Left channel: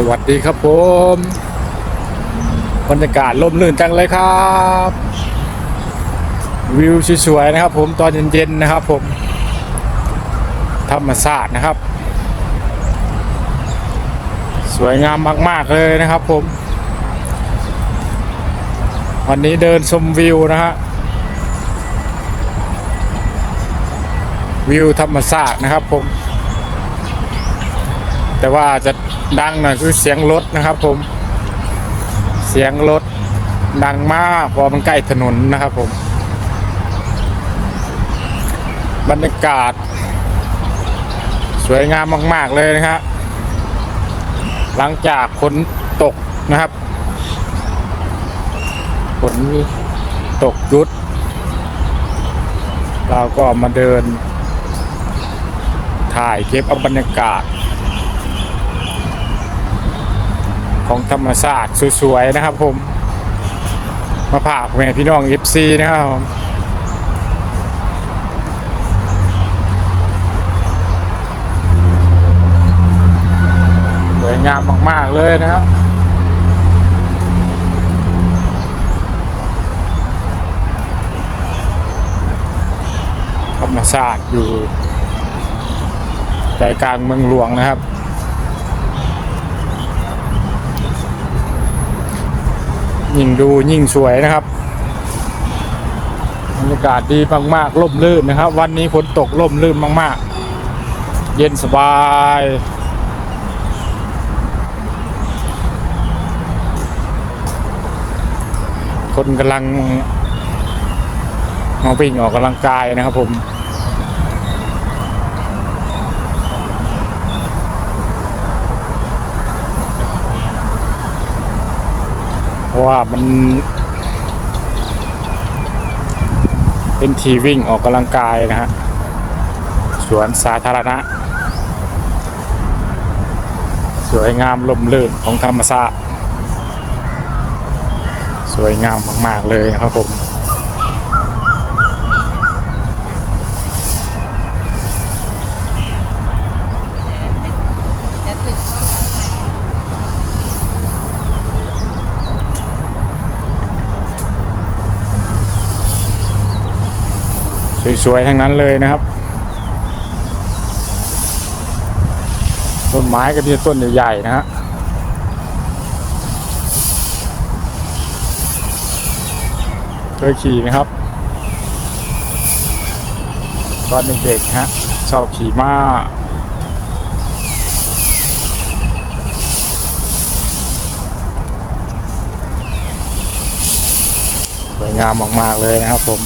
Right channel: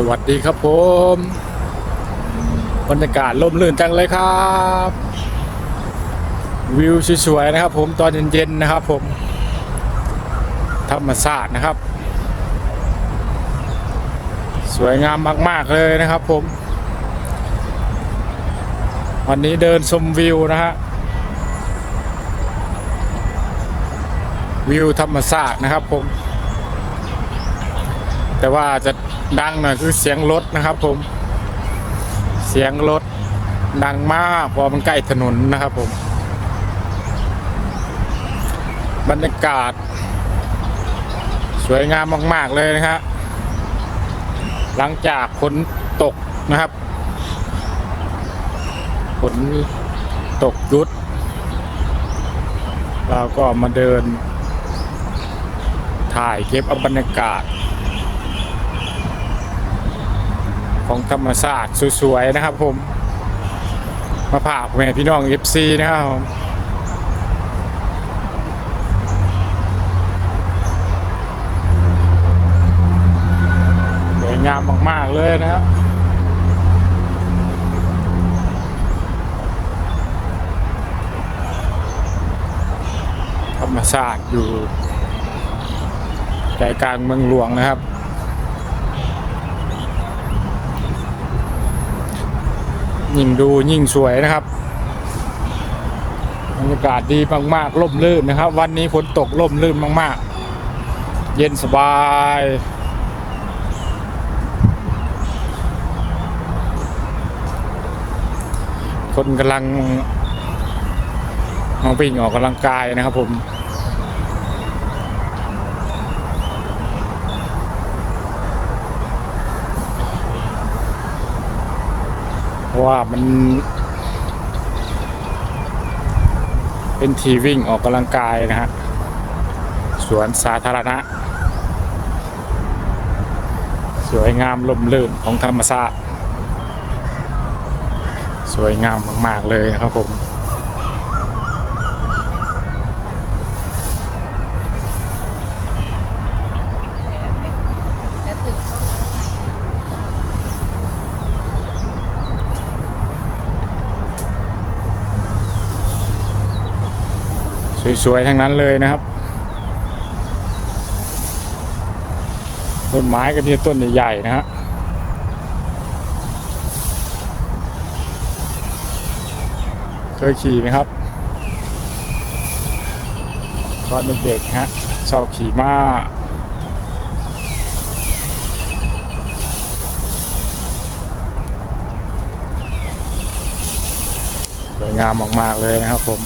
สวัสดีครับผมบรรยากาศลมลื่นจังเลยครับ วิวสวยๆนะครับ ผมตอนเย็นๆนะครับ ผมธรรมศาสตร์นะครับ สวยงามมาก ๆ เลยนะครับ ผม วันนี้เดินชมวิวนะฮะวิวธรรมศาสตร์นะครับ ผม แต่ว่าจะดังหน่อยคือเสียงรถนะครับผม เสียงรถดังมากเพราะมันใกล้ถนนนะครับผม บรรยากาศ สวยงามมาก ๆ เลยนะฮะหลังจากฝนตกนะครับฝนตกหยุด เราก็มาเดิน ถ่ายเก็บเอาบรรยากาศ ของ ธรรมศาสตร์สวยๆนะครับ ผมมาพาแม่พี่น้องเอฟซีนะครับผมสวยงามมากๆเลยนะครับธรรมศาสตร์อยู่ใจกลางเมืองหลวงนะครับ ยิ่งดูยิ่งสวยนะครับบรรยากาศดีมากๆร่มรื่นนะครับ วันนี้ฝนตกร่มรื่นมากๆ เย็นสบายคนกำลังมาวิ่งออกกำลังกายนะครับผม เพราะ ว่ามัน เป็นทีวิ่งออกกำลังกายนะฮะสวนสาธารณะ สวยงามลมลื่นของธรรมชาติสวยงามมาก ๆ เลยนะครับผม สวยๆทั้งนั้นเลยนะครับ ต้นไม้ก็มีต้นใหญ่ๆนะฮะเคยขี่นะครับตอนเด็กๆฮะชอบขี่ม้าสวยงามมากๆเลยนะครับผม